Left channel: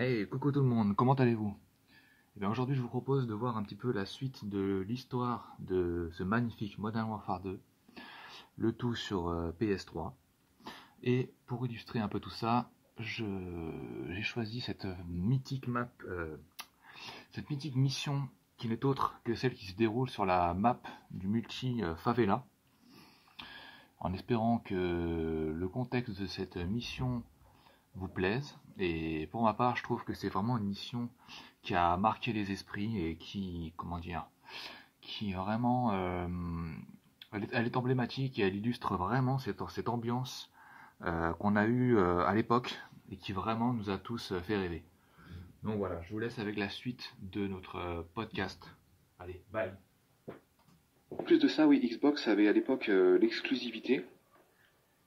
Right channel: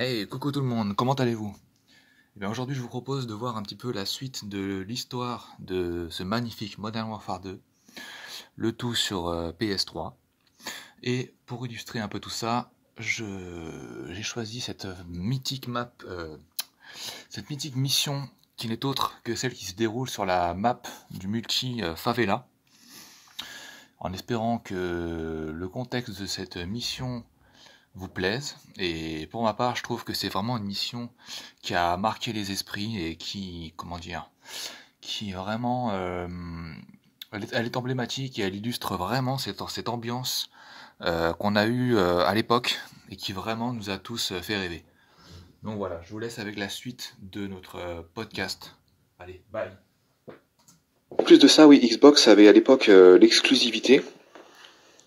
Hey, coucou tout le monde, comment allez-vous? Eh bien aujourd'hui je vous propose de voir un petit peu la suite de l'histoire de ce magnifique Modern Warfare 2, le tout sur PS3. Et pour illustrer un peu tout ça, j'ai choisi cette mythique mission qui n'est autre que celle qui se déroule sur la map du multi Favela, en espérant que le contexte de cette mission vous plaise. Et pour ma part, je trouve que c'est vraiment une mission qui a marqué les esprits et qui, comment dire, qui vraiment, elle est emblématique et elle illustre vraiment cette ambiance qu'on a eue à l'époque et qui vraiment nous a tous fait rêver. Donc voilà, je vous laisse avec la suite de notre podcast. Allez, bye. En plus de ça, oui, Xbox avait à l'époque l'exclusivité.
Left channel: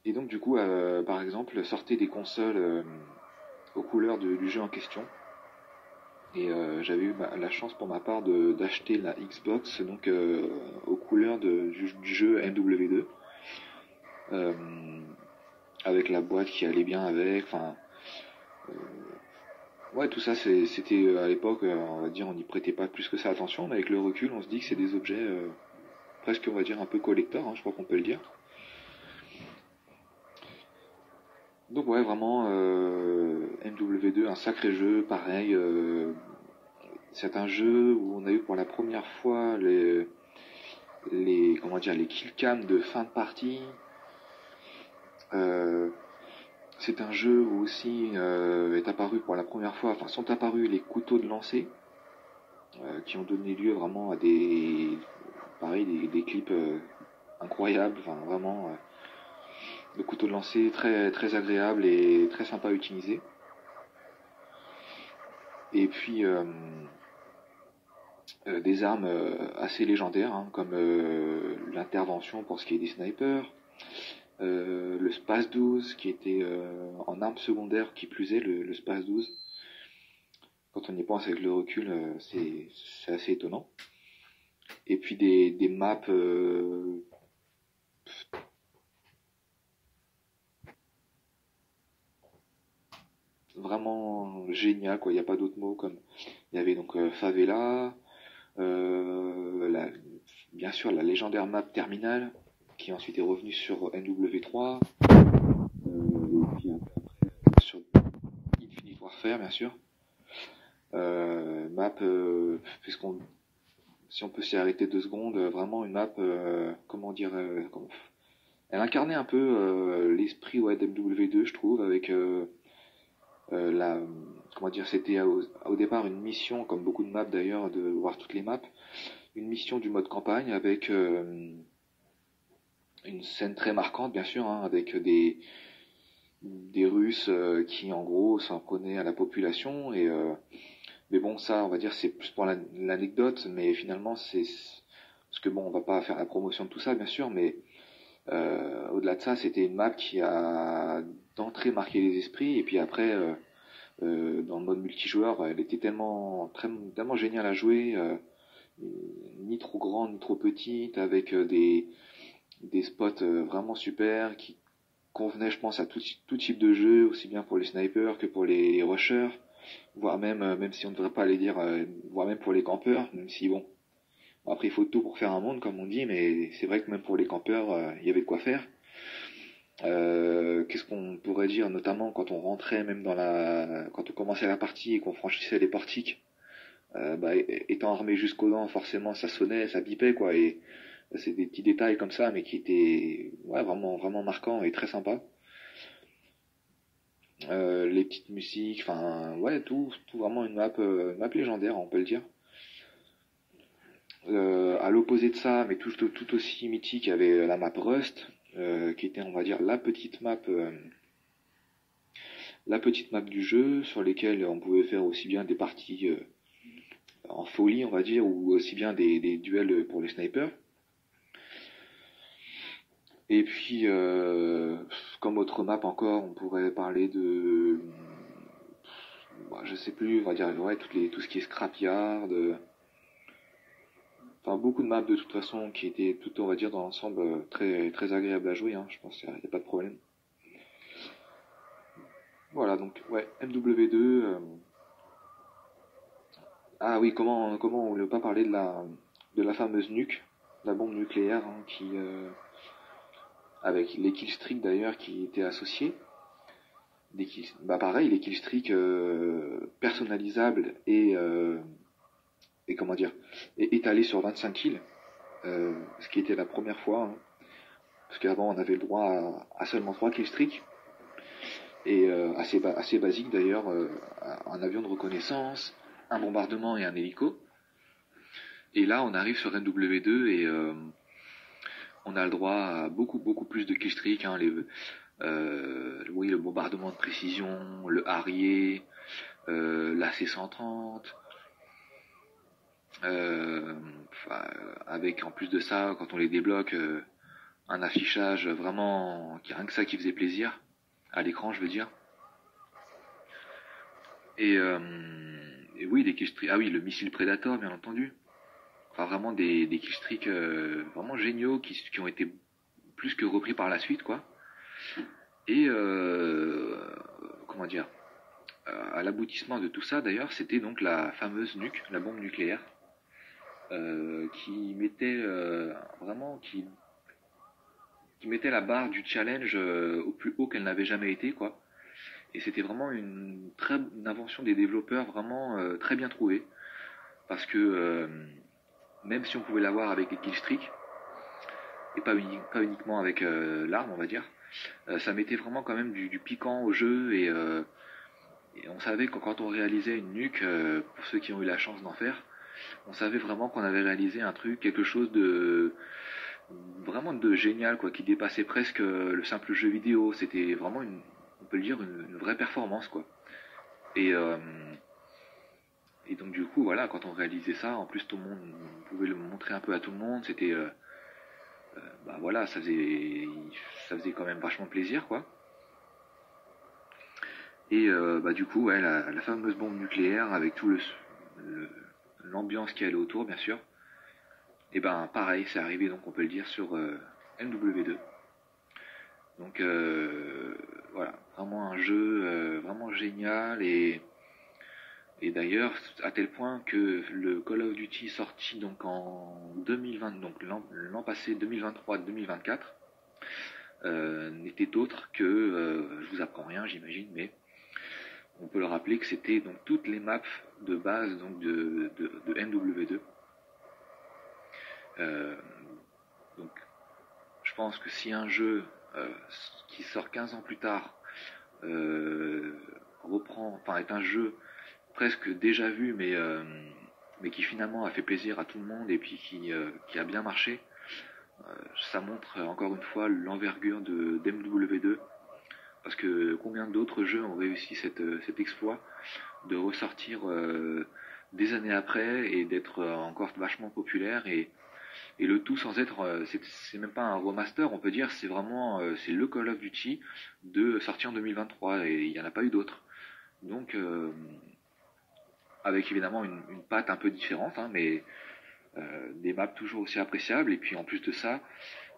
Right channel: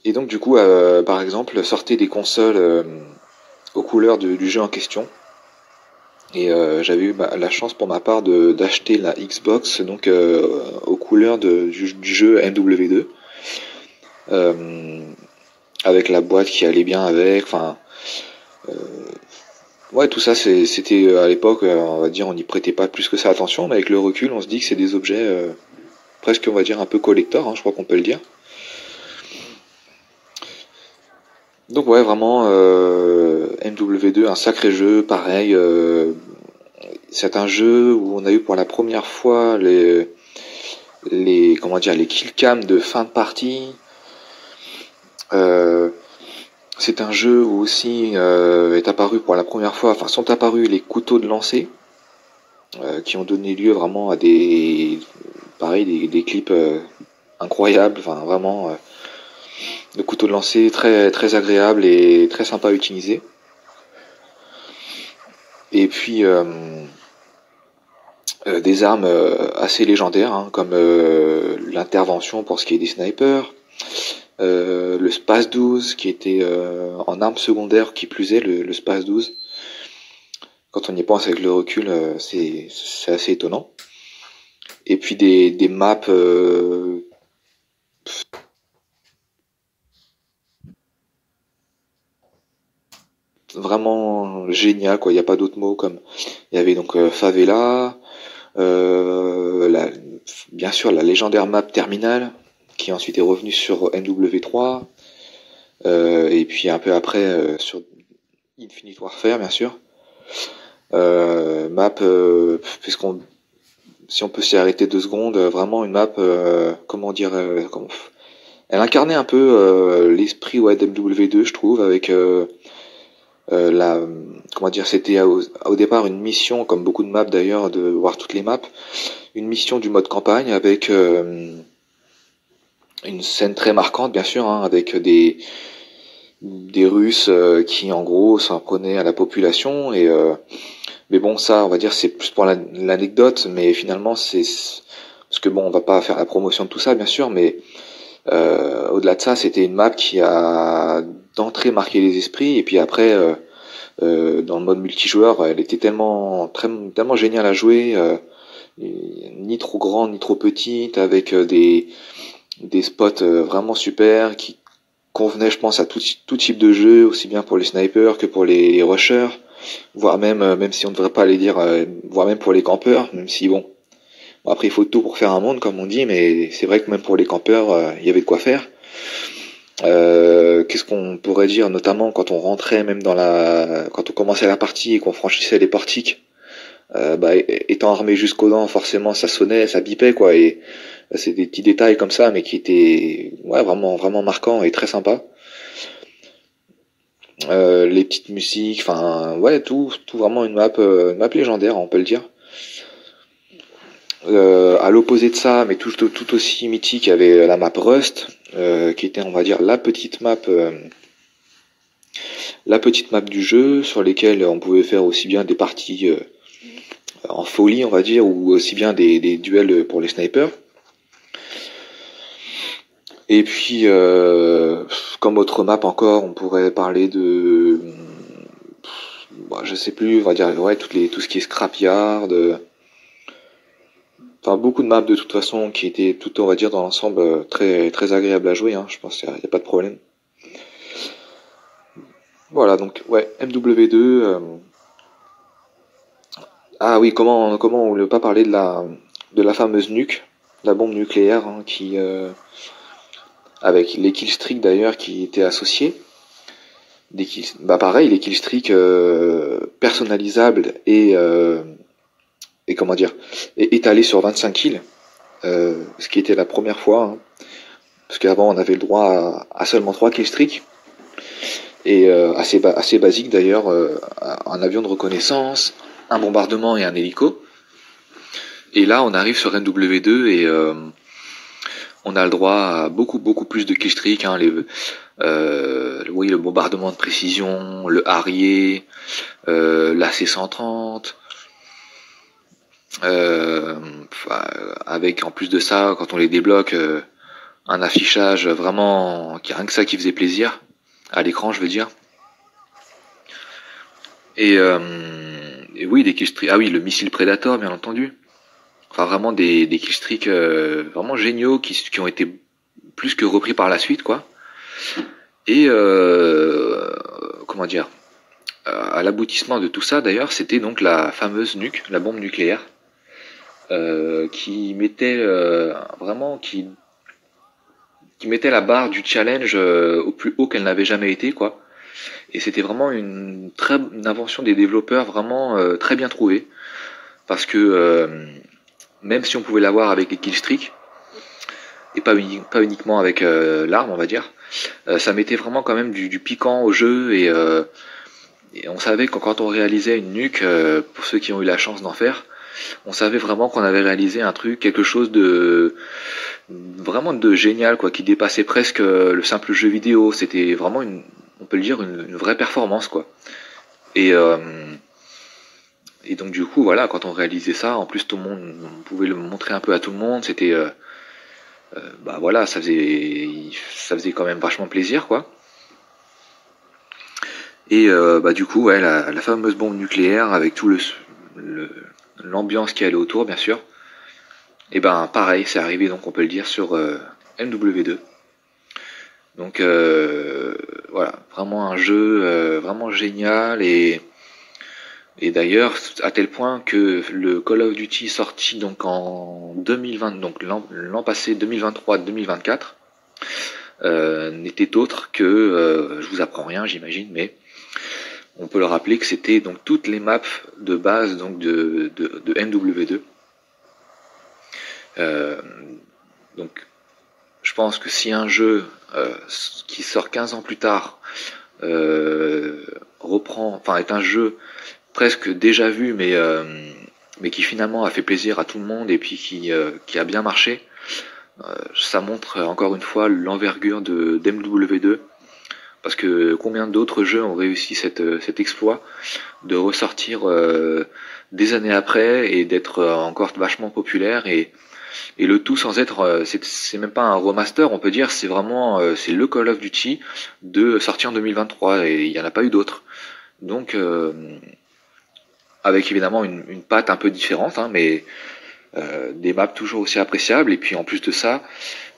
Et donc, du coup, par exemple, sortait des consoles aux couleurs du jeu en question. Et j'avais eu la chance pour ma part d'acheter la Xbox donc aux couleurs du jeu MW2. Euh, avec la boîte qui allait bien avec. Enfin, ouais, tout ça, c'était à l'époque, on va dire, on n'y prêtait pas plus que ça attention. Mais avec le recul, on se dit que c'est des objets presque, on va dire, un peu collector, hein, je crois qu'on peut le dire. Donc ouais, vraiment MW2, un sacré jeu, pareil. C'est un jeu où on a eu pour la première fois les comment dire les killcams de fin de partie. Euh, c'est un jeu où aussi est apparu pour la première fois, enfin sont apparus les couteaux de lancer qui ont donné lieu vraiment à pareil, des clips incroyables, enfin vraiment de couteaux de lancer très très agréables et très sympa à utiliser. Et puis des armes assez légendaires, hein, comme l'intervention pour ce qui est des snipers, le Space 12 qui était en arme secondaire qui plus est, le Space 12. Quand on y pense avec le recul, c'est assez étonnant. Et puis des maps vraiment géniales, quoi. Il n'y a pas d'autre mot. Comme il y avait donc Favela, la, bien sûr la légendaire map Terminal qui ensuite est revenue sur MW3. Et puis un peu après sur Infinite Warfare, bien sûr. Map, puisqu'on, si on peut s'y arrêter 2 secondes, vraiment une map, comment dire, elle incarnait un peu l'esprit ouais, d'MW2, je trouve, avec la, comment dire, c'était au départ une mission, comme beaucoup de maps d'ailleurs, de voir toutes les maps, une mission du mode campagne avec une scène très marquante, bien sûr, hein, avec des Russes qui en gros s'en prenaient à la population et mais bon ça on va dire c'est plus pour l'anecdote mais finalement c'est parce que bon on va pas faire la promotion de tout ça bien sûr mais au-delà de ça c'était une map qui a d'entrée marqué les esprits et puis après dans le mode multijoueur elle était tellement géniale à jouer ni trop grande ni trop petite avec des spots vraiment super qui convenait, je pense, à tout type de jeu, aussi bien pour les snipers que pour les rushers, voire même, même si on ne devrait pas les dire, voire même pour les campeurs, même si bon, après il faut tout pour faire un monde, comme on dit, mais c'est vrai que même pour les campeurs, il y avait de quoi faire. Qu'est-ce qu'on pourrait dire, notamment quand on rentrait même quand on commençait la partie et qu'on franchissait les portiques, bah, étant armé jusqu'aux dents, forcément ça sonnait, ça bipait quoi, et c'est des petits détails comme ça, mais qui étaient ouais, vraiment, vraiment marquants et très sympas. Les petites musiques, enfin ouais, tout vraiment une map légendaire, on peut le dire. À l'opposé de ça, mais tout aussi mythique, il y avait la map Rust, qui était, on va dire, la petite map du jeu, sur lesquelles on pouvait faire aussi bien des parties en folie, on va dire, ou aussi bien des duels pour les snipers. Et puis, comme autre map encore, on pourrait parler de, bah, je sais plus, on va dire ouais, tout ce qui est scrapyard, enfin beaucoup de maps de toute façon qui étaient tout, on va dire dans l'ensemble très très agréable à jouer. Hein, je pense qu'il n'y a pas de problème. Voilà, donc ouais, MW2. Ah oui, comment on ne peut pas parler de la fameuse nuque, la bombe nucléaire, hein, avec les killstreaks d'ailleurs qui étaient associés. Bah pareil, les killstreaks personnalisables et comment dire, et étalés sur 25 kills, ce qui était la première fois, hein, parce qu'avant on avait le droit à seulement 3 killstreaks, et assez basique d'ailleurs, un avion de reconnaissance, un bombardement et un hélico. Et là on arrive sur MW2 et on a le droit à beaucoup plus de killstreaks, hein, oui, le bombardement de précision, le Harrier, l'AC-130, avec en plus de ça, quand on les débloque, un affichage vraiment, rien que ça qui faisait plaisir, à l'écran je veux dire. Et oui, des killstreaks, ah oui, le missile Predator bien entendu. Enfin vraiment des killstreaks vraiment géniaux qui ont été plus que repris par la suite quoi. Et comment dire, à l'aboutissement de tout ça d'ailleurs, c'était donc la fameuse nuque, la bombe nucléaire, qui mettait vraiment qui mettait la barre du challenge au plus haut qu'elle n'avait jamais été quoi. Et c'était vraiment une invention des développeurs vraiment très bien trouvée parce que même si on pouvait l'avoir avec les killstreaks et pas uniquement avec l'arme on va dire, ça mettait vraiment quand même du piquant au jeu et on savait que quand on réalisait une nuque, pour ceux qui ont eu la chance d'en faire, on savait vraiment qu'on avait réalisé un truc, quelque chose de vraiment de génial, quoi, qui dépassait presque le simple jeu vidéo. C'était vraiment on peut le dire, une vraie performance, quoi. Et, euh, et donc du coup, voilà, quand on réalisait ça, en plus tout le monde, on pouvait le montrer un peu à tout le monde. C'était, bah voilà, ça faisait quand même vachement plaisir, quoi. Et bah du coup, ouais, la fameuse bombe nucléaire avec tout l'ambiance qui allait autour, bien sûr. Et ben pareil, c'est arrivé donc on peut le dire sur MW2. Donc voilà, vraiment un jeu vraiment génial et d'ailleurs à tel point que le Call of Duty sorti donc en 2020, donc l'an passé 2023-2024 n'était autre que, je vous apprends rien j'imagine, mais on peut le rappeler que c'était donc toutes les maps de base donc de MW2. Donc je pense que si un jeu qui sort 15 ans plus tard est un jeu presque déjà vu, mais qui finalement a fait plaisir à tout le monde et puis qui a bien marché, ça montre encore une fois l'envergure d'MW2, parce que combien d'autres jeux ont réussi cet exploit de ressortir des années après et d'être encore vachement populaire et le tout sans être, c'est même pas un remaster, on peut dire, c'est vraiment, c'est le Call of Duty de sorti en 2023 et il n'y en a pas eu d'autres. Donc, avec évidemment une patte un peu différente, hein, mais des maps toujours aussi appréciables. Et puis en plus de ça,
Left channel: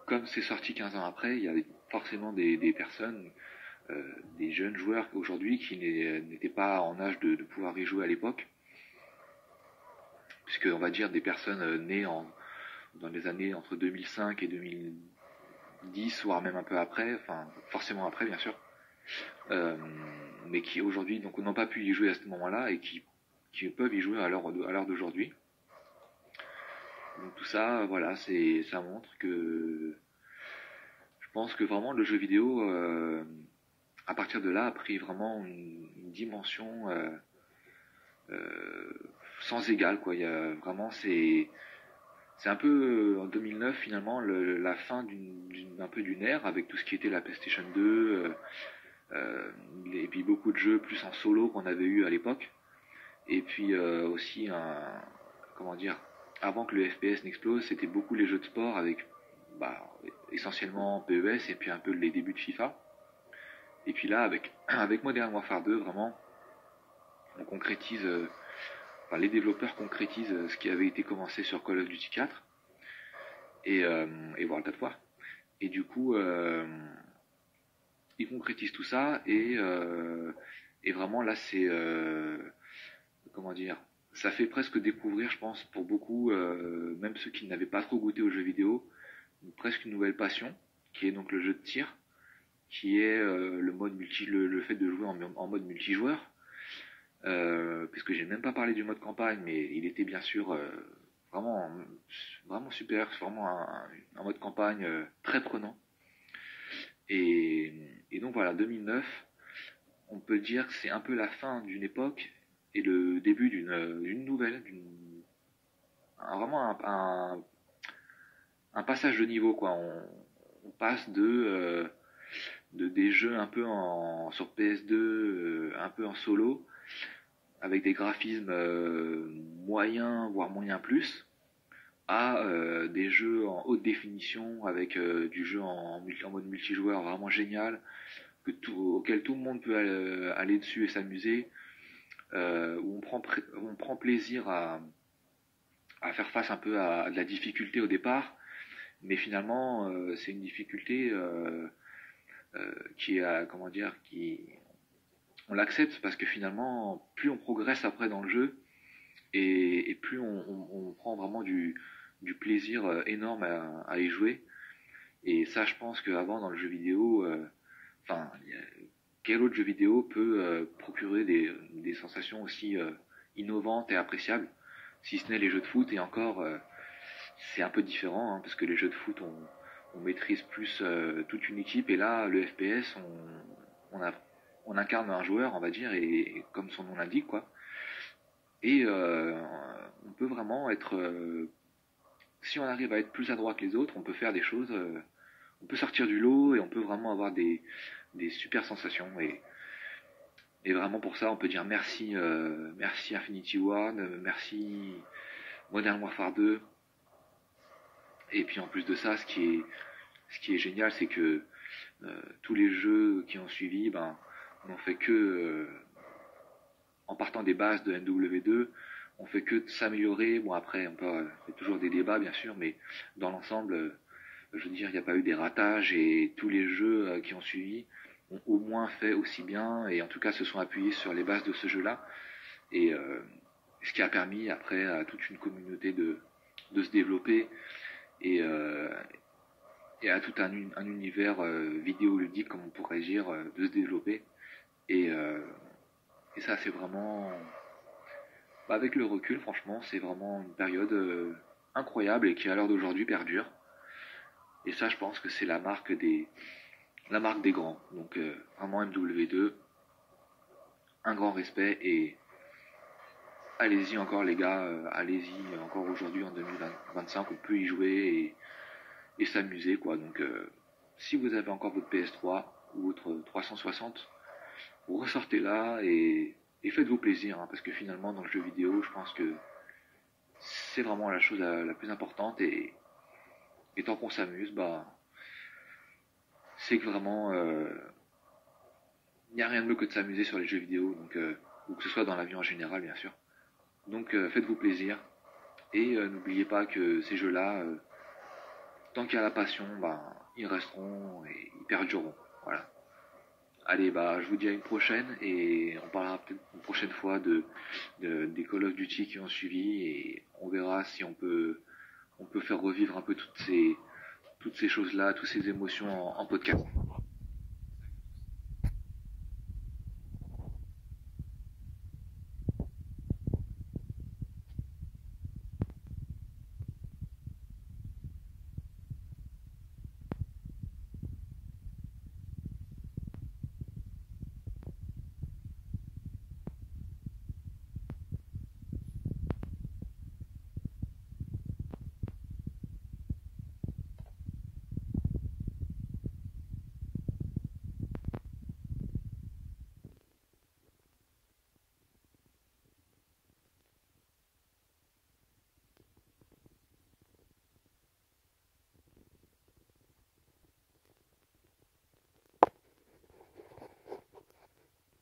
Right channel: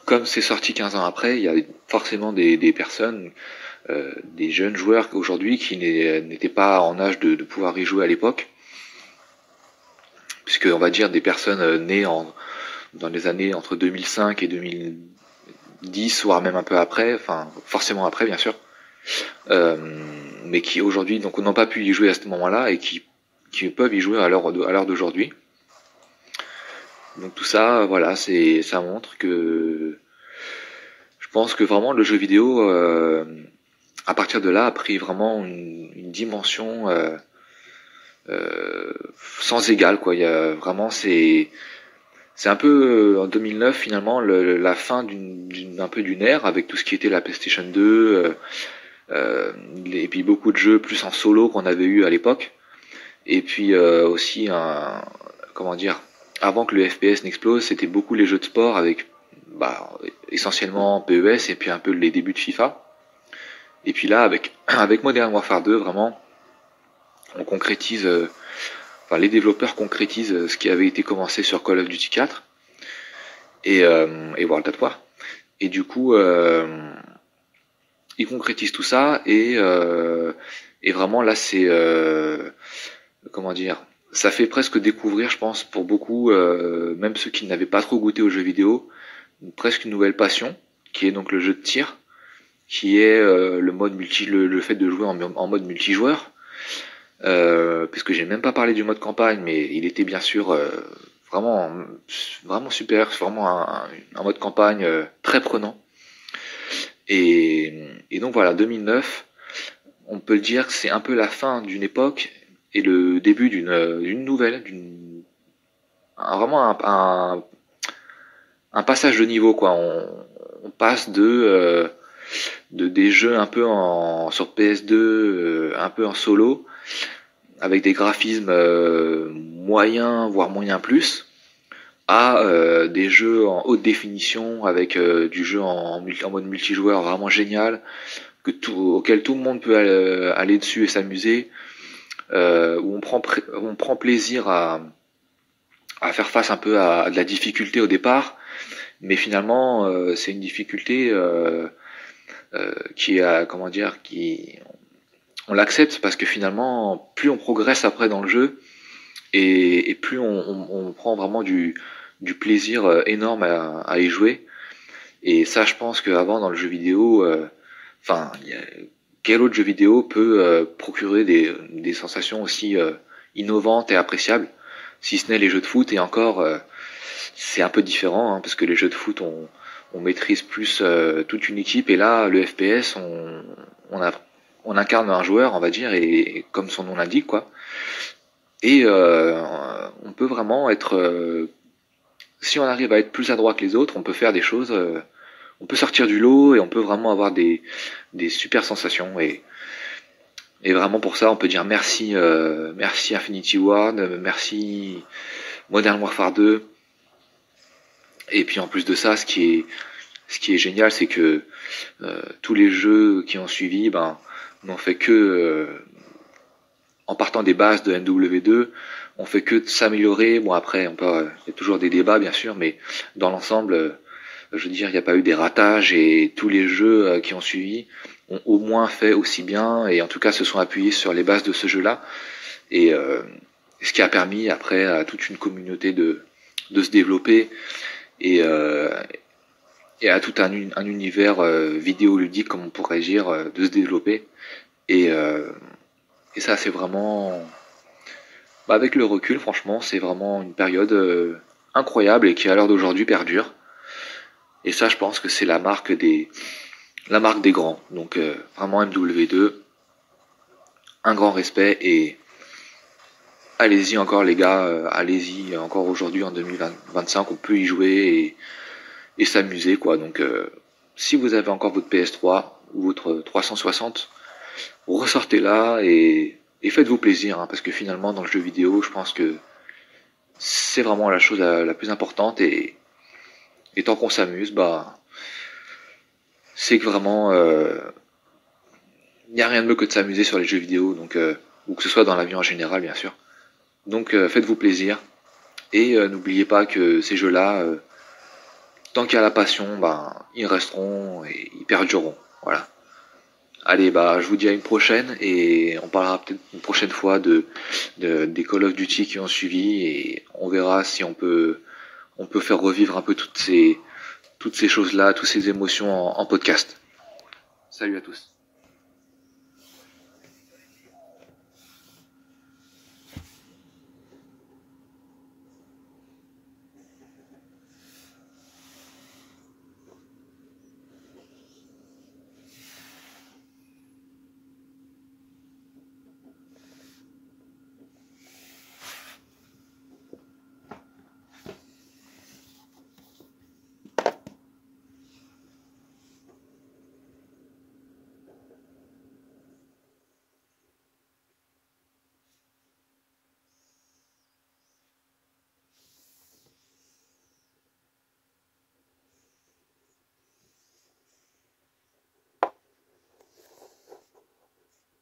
comme c'est sorti 15 ans après, il y a forcément des personnes, des jeunes joueurs aujourd'hui qui n'étaient pas en âge de pouvoir y jouer à l'époque, puisque on va dire des personnes nées dans les années entre 2005 et 2010, voire même un peu après, enfin forcément après bien sûr, mais qui aujourd'hui donc n'ont pas pu y jouer à ce moment-là et qui peuvent y jouer à l'heure d'aujourd'hui. Donc tout ça, voilà, ça montre que je pense que vraiment le jeu vidéo, à partir de là, a pris vraiment une dimension sans égale, quoi. Il y a vraiment c'est un peu en 2009 finalement la fin un peu d'une ère avec tout ce qui était la PlayStation 2 et puis beaucoup de jeux plus en solo qu'on avait eu à l'époque et puis aussi comment dire, avant que le FPS n'explose, c'était beaucoup les jeux de sport avec bah, essentiellement PES et puis un peu les débuts de FIFA. Et puis là avec Modern Warfare 2 vraiment on concrétise enfin les développeurs concrétisent ce qui avait été commencé sur Call of Duty 4 et World at War. Et du coup, ils concrétisent tout ça et vraiment là c'est comment dire, ça fait presque découvrir, je pense, pour beaucoup, même ceux qui n'avaient pas trop goûté aux jeux vidéo, presque une nouvelle passion, qui est donc le jeu de tir, qui est le mode le fait de jouer en mode multijoueur. Puisque j'ai même pas parlé du mode campagne, mais il était bien sûr vraiment, vraiment super, c'est vraiment un mode campagne très prenant. Et donc voilà, 2009, on peut le dire que c'est un peu la fin d'une époque et le début d'une nouvelle, vraiment un passage de niveau quoi. On passe de des jeux un peu sur PS2, un peu en solo, avec des graphismes moyens, voire moyens plus, à des jeux en haute définition, avec du jeu en mode multijoueur vraiment génial, auquel tout le monde peut aller dessus et s'amuser, où on prend plaisir à faire face un peu à de la difficulté au départ, mais finalement c'est une difficulté qui a, comment dire, qui on l'accepte parce que finalement plus on progresse après dans le jeu et plus on prend vraiment du plaisir énorme à y jouer. Et ça, je pense qu'avant dans le jeu vidéo, enfin, quel autre jeu vidéo peut procurer des sensations aussi innovantes et appréciables, si ce n'est les jeux de foot. Et encore, c'est un peu différent, hein, parce que les jeux de foot, on maîtrise plus toute une équipe, et là, le FPS, on incarne un joueur, on va dire, et comme son nom l'indique, quoi. Et on peut vraiment être, si on arrive à être plus adroit que les autres, on peut faire des choses, on peut sortir du lot et on peut vraiment avoir des super sensations. Et vraiment pour ça, on peut dire merci, merci Infinity Ward, merci Modern Warfare 2. Et puis en plus de ça, ce qui est génial, c'est que tous les jeux qui ont suivi, ben, n'ont fait que, en partant des bases de MW2, on fait que de s'améliorer. Bon après, il y a toujours des débats bien sûr, mais dans l'ensemble, je veux dire, il n'y a pas eu des ratages et tous les jeux qui ont suivi ont au moins fait aussi bien et en tout cas se sont appuyés sur les bases de ce jeu-là. Et ce qui a permis après à toute une communauté de se développer et, et à tout un univers vidéoludique, comme on pourrait dire, de se développer. Et, et ça, c'est vraiment, bah, avec le recul, franchement, c'est vraiment une période incroyable et qui, à l'heure d'aujourd'hui, perdure. Et ça, je pense que c'est la marque des grands. Donc, vraiment MW2, un grand respect et allez-y encore, les gars, allez-y encore aujourd'hui en 2025, on peut y jouer et s'amuser, quoi. Donc, si vous avez encore votre PS3 ou votre 360, ressortez-la et faites-vous plaisir, hein, parce que finalement, dans le jeu vidéo, je pense que c'est vraiment la chose la plus importante et tant qu'on s'amuse, bah, c'est que vraiment, il n'y a rien de mieux que de s'amuser sur les jeux vidéo, donc, ou que ce soit dans la vie en général, bien sûr. Donc, faites-vous plaisir et n'oubliez pas que ces jeux-là, tant qu'il y a la passion, bah, ils resteront et ils perdureront. Voilà. Allez, bah, je vous dis à une prochaine et on parlera peut-être une prochaine fois des Call of Duty qui ont suivi et on verra si on peut faire revivre un peu toutes ces choses-là, toutes ces émotions en podcast. Salut à tous.